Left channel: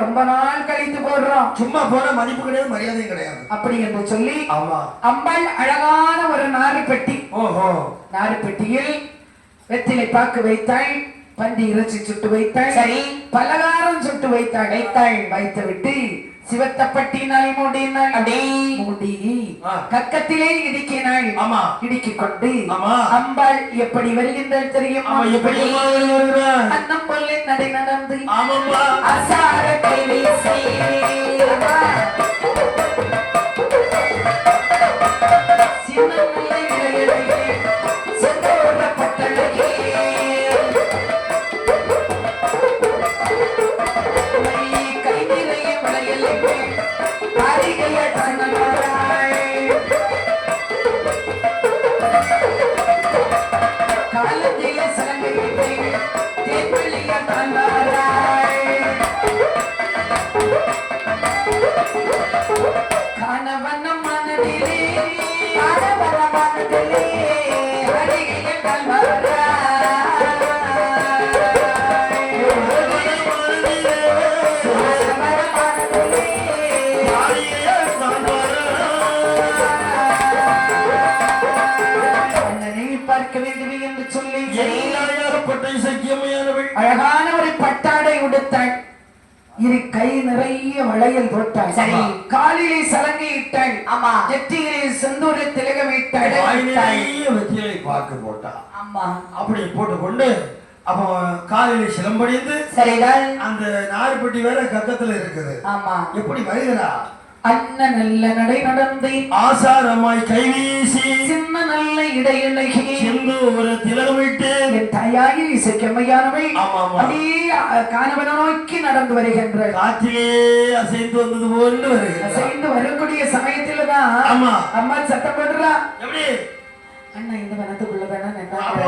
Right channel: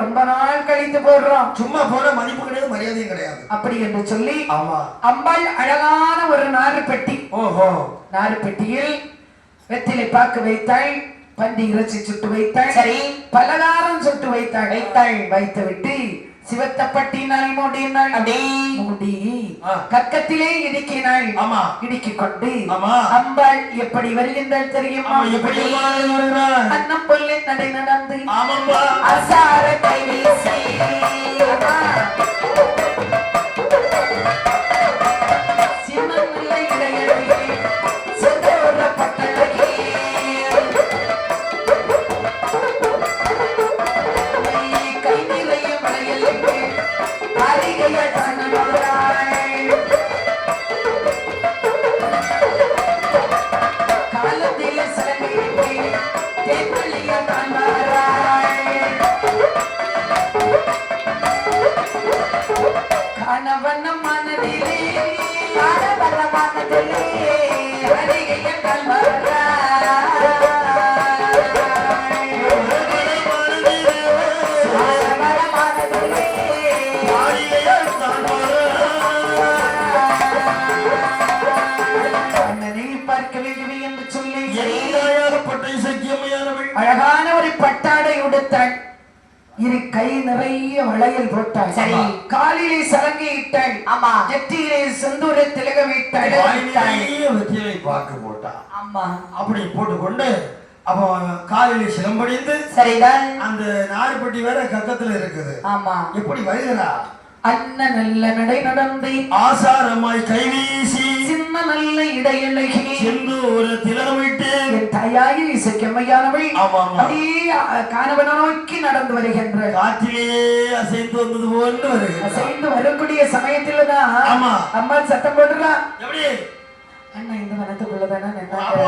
ரொம்ப நாள் கழித்து போடுறோம். சும்மா போட மதிப்பு கிடையாது, மரியாதையும் கிடையாது. அப்படி என்று சொல்லி அம்பாள் அழகான ஒரு நாறு பெட்டி. நாறு பெட்டியில் வெற்றிலை பாக்கு வைத்தாள், பந்தி இறைச்சி சுட்டு வைத்தாள், பலகாரம் சுட்டு வைத்தாள். வைத்து விட்டு சிவத்தப்பட்டினால் மூடினாள். மூடி கக்கத்திலே இடுக்கினாள். இடுக்கிக் கொண்டு அம்பாள் எப்படி வருகின்றாள் தெரியுமா? அன்னம் கொள்ளை நடை நடந்து அசாரத்தை வீசி அழகான ஒரு பட்டாடை உடுத்தாள். இரு கை நிறைய வளையல் போட்டாள். காலிலே சலங்கை இட்டாள். நெற்றியிலே செந்தூர திலக வைத்தாள். பாக்கு போட்டா அப்படி போட்டுக்கொண்டு அப்ப காலிலே சிலம்படிந்து சரிதான். அந்த நார்பட்டி வேற கக்கத்துல இருக்குது. எப்படி வருகிறா? அண்ணன் நல்ல நடை நடந்து ஆசாரமாய் கைவீசி சின்ன நல்ல இடையிலகி செந்தூர திலகமிட்டு என் தாயாகி இசைக்கம்மையானவள் அப்படியே காணவன நோக்கி நடந்து வருகின்ற காற்றிலே அசைந்து வந்தது போன்று வருகிறது. அசைந்து வரக்கூடிய சமயத்துல தான் அம்மா சத்தம் போடுறா. எப்படி அண்ணா இந்த வனத்துக்குள்ளதானே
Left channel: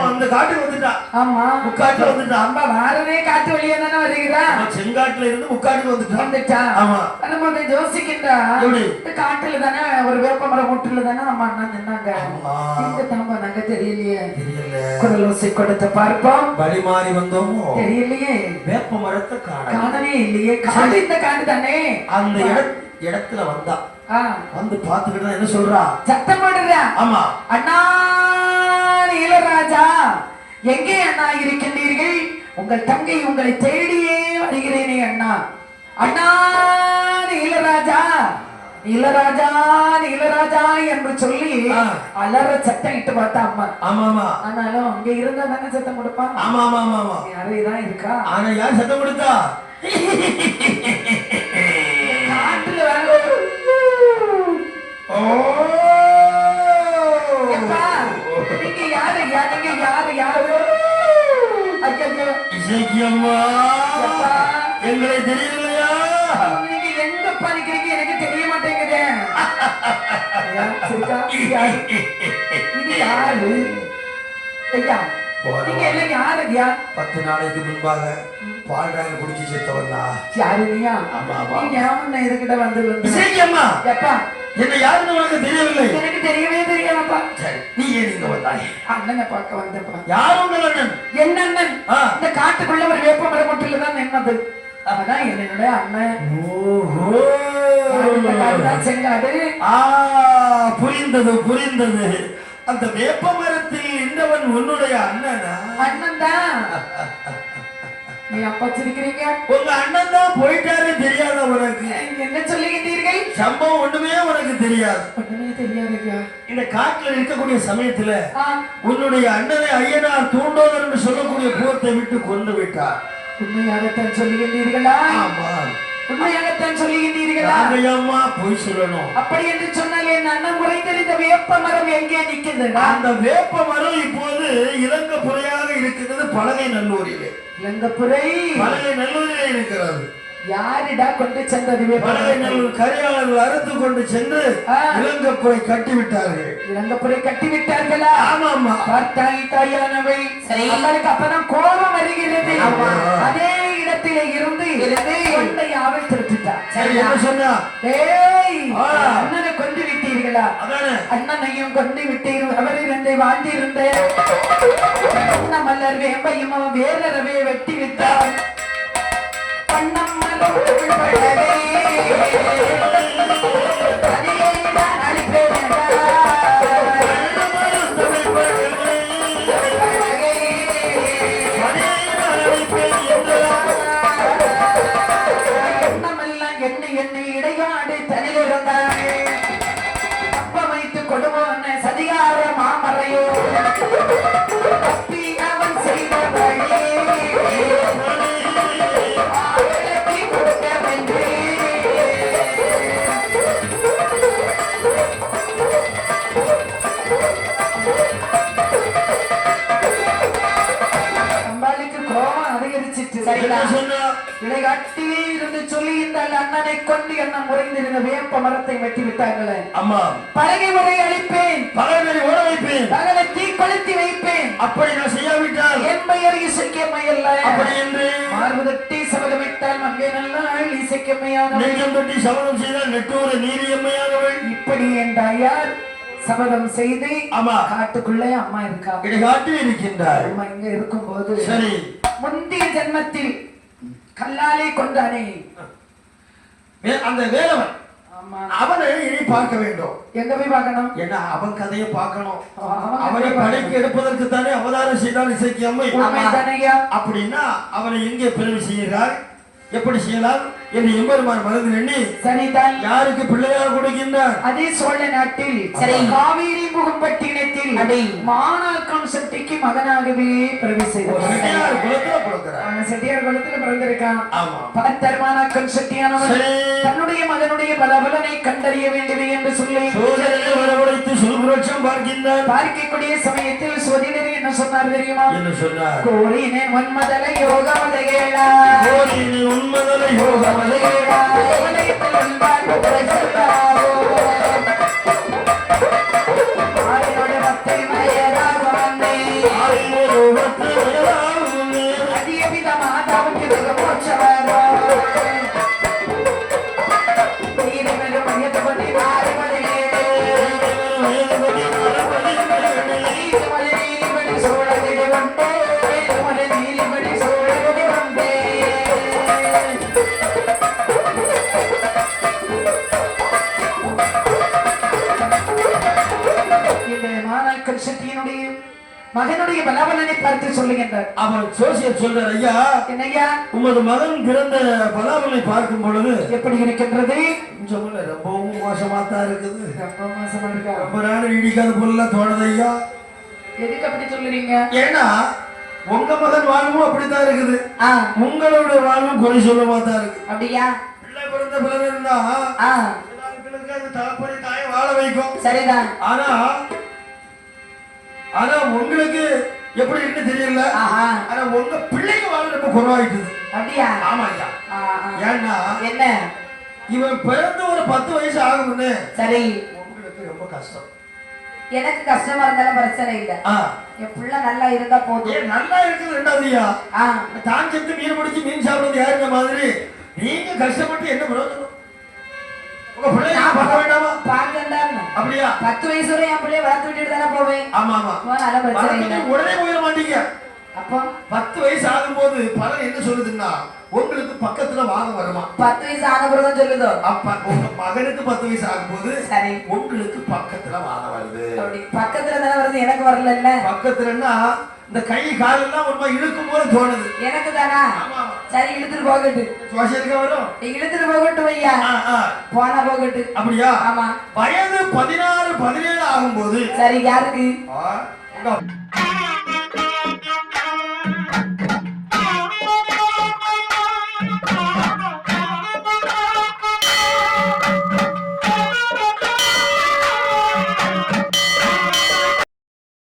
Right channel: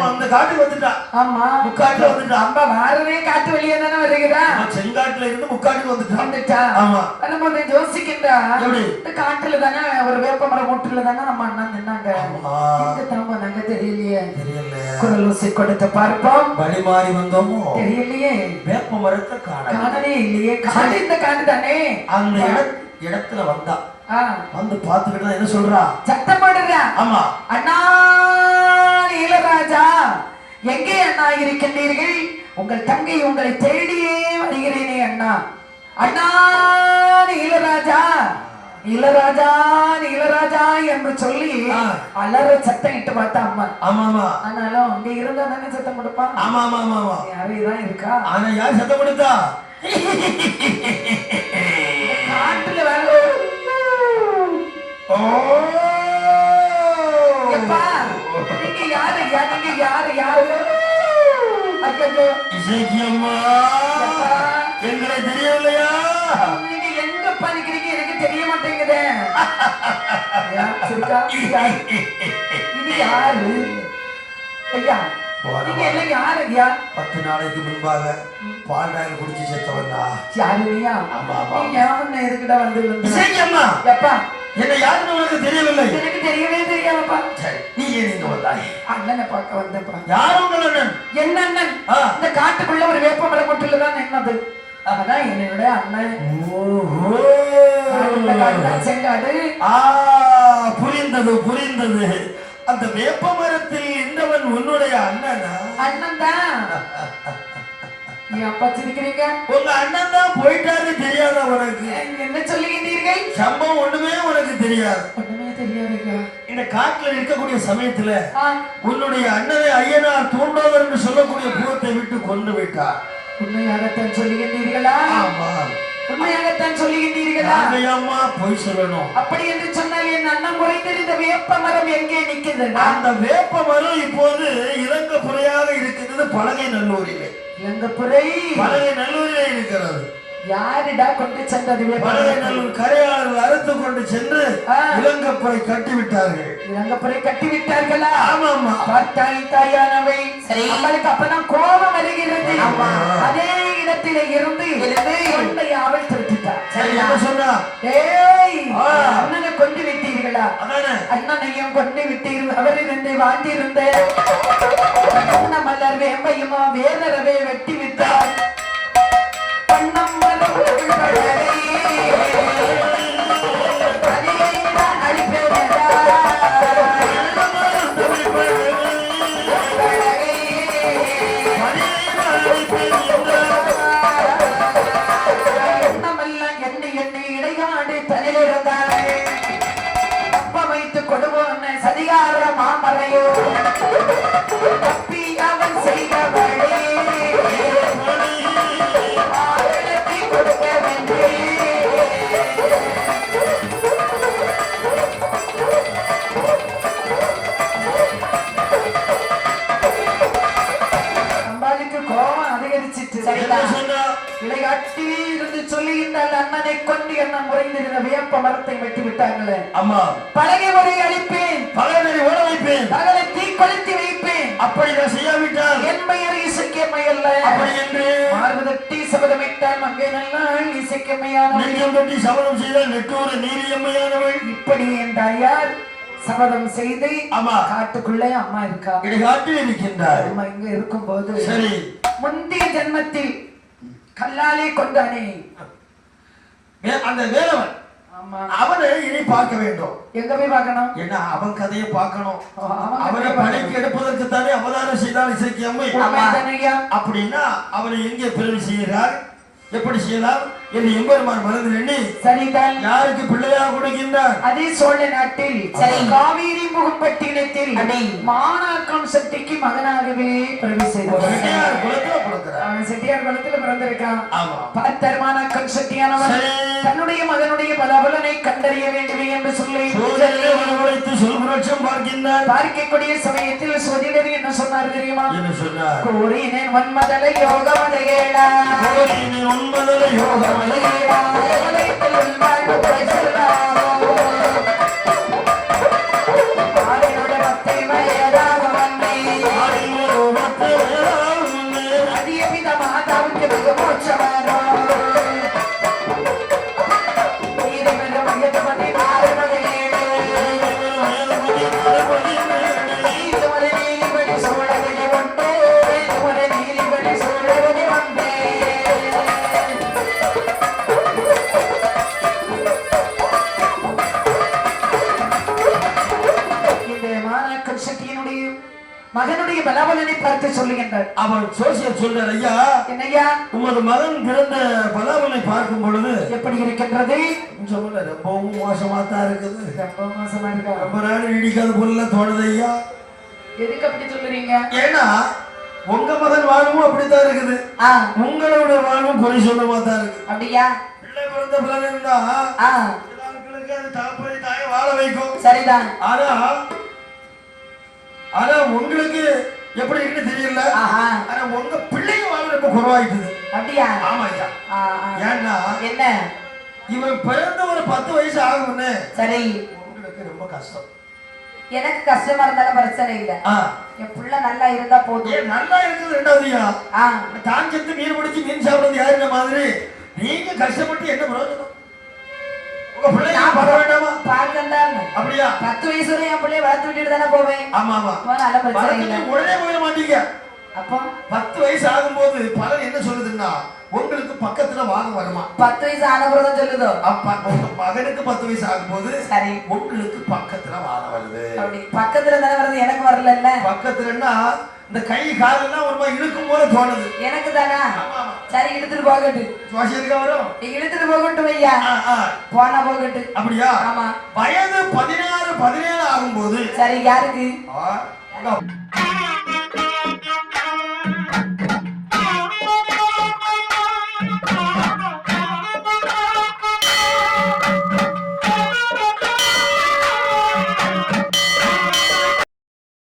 அந்த காட்டுக்கு வந்துட்டா. ஆமா, முக்காட்டுல வந்துட்டா. அம்மா வாரவே காட்டு வழியா தானே வருகிறா. செங்காட்டுல இருந்து முக்காட்டுக்கு வந்துட்டா. நம்ம யோசிக்கின்றா, இந்த காட்டுல தானே ஒரு வேப்பமர முட்டுல தானே நம்ம அண்ணா நின்னாங்க. இந்த தாம்ப நாங்க தெரியலையே, குரல் ஊசி கொடுத்து பார்ப்போம். வழி மாறி வந்தோமோ தெரியலையே, வேப்ப மரத்தை காணவே இல்லையே. காடு இந்த காடு தானே. அந்த இடத்துல வந்தா வந்து பாத்துக்கிட்டு என்ன சொல்றா? சத்தம் போடுறா. ஆமா, அண்ணா இளராஜா, எங்கே அண்ணா இருக்கின்றீர்கள்? உங்கள் தங்கை உங்களை தேடியே வருகிறேனே அண்ணா. அண்ணா இளராஜா, இளராஜா இளராஜா என்று சொல்லி அலற சத்தம் இட்டு பார்த்தா அம்மா. ஆமாமா, ஆனாலும் அங்க இருந்தா தானே சத்தம் கொடுப்பா. ஆமா ஆமா, யாரைதான் இருக்கா. ஆனா யார் சத்தம் கொடுத்தா? காட்டுல வேலை எங்களை தெரியலையா? நீங்க எங்க படிக்கிறீங்க எனக்கு தெரிய மாட்டேங்குது. இது யாரு ஐயா? நீங்க எல்லாம் யாரு ஐயா? 10 நாளைக்கு முன்பாக பால்ராயன் குடிச்சு செத்தவன்னா யாருயா? நீங்க யாருன்னு எதுக்கிட்ட வந்து எப்பா என்ன யாருன்னு உனக்கு தெரியவில்லை? எனக்கு தெரியவே தெரியாதுப்பா. நீ ஏன் இங்க வந்தாய்? அண்ணனை பார்க்க வந்தப்பா. யாரு உங்கள் அண்ணன்? என்ன அண்ணன்? இந்த காட்டுக்குள்ள ஒரு வேப்ப மரமட்டில தான் நின்னது. அதான் என்னோட அண்ணன். ஓஹோ, செங்காடு. புரிந்தது புரிந்தது. அந்த வேப்ப மரத்தில் நின்றவன் உன்னுடைய அண்ணனா? அண்ணன் தான். நீ அப்பா சிரிக்கிறீங்க? உங்க அண்ணன் தான் போயிட்டாரு தெரியாத உனக்கு? என்ன சொல்லுகின்றீர்கள்? சம்பவம் ஒண்ணுமே உனக்கு தெரியாது. ஒண்ணுமே தெரியாதுங்க. இந்த காட்டுல இருக்கக்கூடிய சமயத்துல உன்னுடைய அண்ணனை ஐயனார் தூண்டோதர் என்று சொல்லக்கூடிய பூரத்தை விட்டு கொண்டு விட்டார். உண்மையாகத்தான் சொல்லுகின்றீர்களா? ஆமா, உண்மையாகத்தான் சொல்லுகின்றீர்களா? அம்மா போய் சொல்லணும். அப்படி என்று சொன்னால் என் அண்ணன் முறைந்திருந்த வேப்ப மரம் எங்கே நிற்கிறது? அந்த வேப்ப மரம் இப்போது இலங்கப்புறையாக இருக்கிறது. பலகை நல்லூரிலே. இலங்கப்புறை பலகை நல்லூரிலே இருக்கிறது. யாரிடா கொண்டு சென்றது? பலகை நல்லூர் கரையாளர்கள் அறுத்து கொண்டு சென்று இலங்கப்புறை கட்டிவிட்டார்கள். இலங்கப்புறை கட்டிவிட்டார்களா? ஆமாமா. பார்த்தால் தாயானவை அவளுக்கு அப்பதான் கோபம் வருகிறது. அதே இடத்திலே இருந்து கொண்டை அவள் திருப்பிட்டார். சரி, என்ன சொன்னா? ஏய், அண்ணனை கொண்டு விட்டீர்களா? அண்ணனையும் கொண்டு விட்டீர்கள். அவரில் என்னை வாழ்ந்திருந்த மலர் வேம்பையுமா வேறவே வெட்டி விட்டார். பண்ணம் மலர் சதிகார மாமரையோ அவன் செய்த அம்பாளுக்கு கோபம் அதிகரிச்சிட்டு இடைக்காட்டிலே இருந்து சொல்லுகின்றால் அண்ணனை கொண்டு என்ன முறைந்திருந்த வேப்ப மரத்தை வெட்டி விட்டாங்களே. அம்மா, பலகை முறை அழிப்பேன், பலகை ஓட வைப்பேன், பலகை தீ கொளுத்தி வைப்பேன். அப்படி நான் செய்யாவிட்டால் என் பெயர் இசைக்கமையல்ல. அப்படி என்று மார்பதட்டி சபதமிட்டால் அங்கே நல்ல இசைக்கமையான நெஞ்சம் தொட்டி சபதம் செய்தால் நெட்டூர நீலியம்மையானவள். இப்படி என் தாயார் சபதம் செய்து அம்மா காட்டுக்குள்ளே அம்மா இருக்கா. இடைக்காட்டில் இருக்கின்றார். அம்மா இங்க இருக்கும் போது சரி, முந்தைய ஜென்மத்தில் கல்லாலே கொண்டானே அந்த வேலவன், அவனை இனி பார்க்க வேண்டும். எங்க போய் பார்க்கணும்? என்ன அவன் கதையை பார்க்கணும். அவனை படைக்கு எடுப்பதற்கு தானே அவதாரம் செய்தால் இசைக்கு அம்மை. அப்படின்னா அவனை எங்கே பிறவி செய்கிறார், எப்படி செய்யலாம் என்று எம்பெருமான் மறந்து எண்ணி சரிதான் யாருக்கு பிள்ளையாக கொடுக்கின்றார்? அதே சோழ நாட்டில் காவேரி முகம்பட்டினத்தில் மாணாக்கம் சக்திக்கு மகனாகவே பிறவி செய்தார். செட்டியார் குலத்தில் பிறந்திருக்கான். பார்த்தர் மாணாக்கம் சக்தியானவர் தன்னுடைய மகனுடைய பலபலனை கண்டறிய வேண்டும் என்று சொல்லி பார்க்கின்றார். பார்க்கக்கூடிய சமயத்தில் சோதிடர் என்ன சொன்னார் தெரியுமா? என்ன சொன்னார்? கோரினேன் வன்மதலை யோகமலைகேளா, கோரினேன் உன்மதலை யோகமலைகேளா, மகனுடைய பலபலனை பார்த்து சொல்லுகின்றார். அவன் சோசியல் சொல்றார், ஐயா என்னையா உமது மகன் பிறந்த பலபலனை பார்க்கும் பொழுது எப்படி இருக்கின்றது? ரொம்பவும் மோசமா தான் இருக்குது. ரொம்ப மோசமா இருக்கா? ரொம்ப நாள் நீடிக்காத பொருள் தோணுது ஐயா. எதுக்கு அப்படி சொல்லுறீங்க? ஏன்னா உங்க மகன் வாழ்வும் அப்படித்தான் இருக்குது, உங்களுடைய வாழ்வும் குறை சொல்லமா தான் இருக்கு. அப்படியா? பிள்ளை பிறந்த பிள்ளை இருந்தா அது தகப்பனை தாயை வாழ வைக்கும். சரிதான். ஆனா உங்களுக்கு எப்படி இருக்கு தெரியல. ஆனா உங்க பிள்ளைங்க வாழ் ரொம்ப குறைவாயிட்டுது. அப்படியா? ஆமா ஐயா. ஏன்னா என்ன, இவன் பிறந்த ஒரு 10 வயசு ஆகும்னு சரி உங்களுக்கு ரொம்ப கஷ்டம். எனக்கு கஷ்டமா இருந்தாலும் பிரச்சனை இல்லை. என் பிள்ளை நல்லா இருந்தா போதும். நல்லா இருக்குது. ரெண்டாவதுயா தான் செத்து மீன் பிடிச்சி மீன் சாப்பிடுறது யாருங்க மாதிரி நீங்க கஷ்டப்பட்டு என்ன பிரயோஜனம்? உங்க பிள்ளைங்க பார்க்க வேண்டாமா? பார்க்கந்தான். அப்படியா? 10 வயசு வரை என் பிள்ளைய வளர்த்து விட்டுட்டு தானே போவேன். ஆமா ஆமா. நல்ல பிரச்சனை இல்லை. உடனே போயிட மாட்டீங்க. அப்போ 10 வயசு ஆகும்போது பலன் என்ன சொல்லுதுன்னா உங்களுக்கு பக்கத்துல வாதம் வருமா? 10 வயசு ஆனவர்தான் சொல்லுதோ. உங்க மகனுக்கு 10 வயசு ஆகும்போது சரி உங்களுக்கு பக்கத்துல வாதம் வருது. அப்படி பக்கத்துல தானே வருது, எனக்கு வரல பக்கத்துலன்னா இந்த கை காலெல்லாம் ஒரு மாதிரி இழுக்கும் போது தோணுது. எனக்கு தானா? சரி இழுத்துட்டு போகட்டு. சுவாசியத்துக்கு வரும். இழுத்துட்டு போகட்டும் ஐயா. போனா போகட்டு. அப்படியா? ஆமா. வயது 16 17 ஆகும்போது சரி யாருக்கு?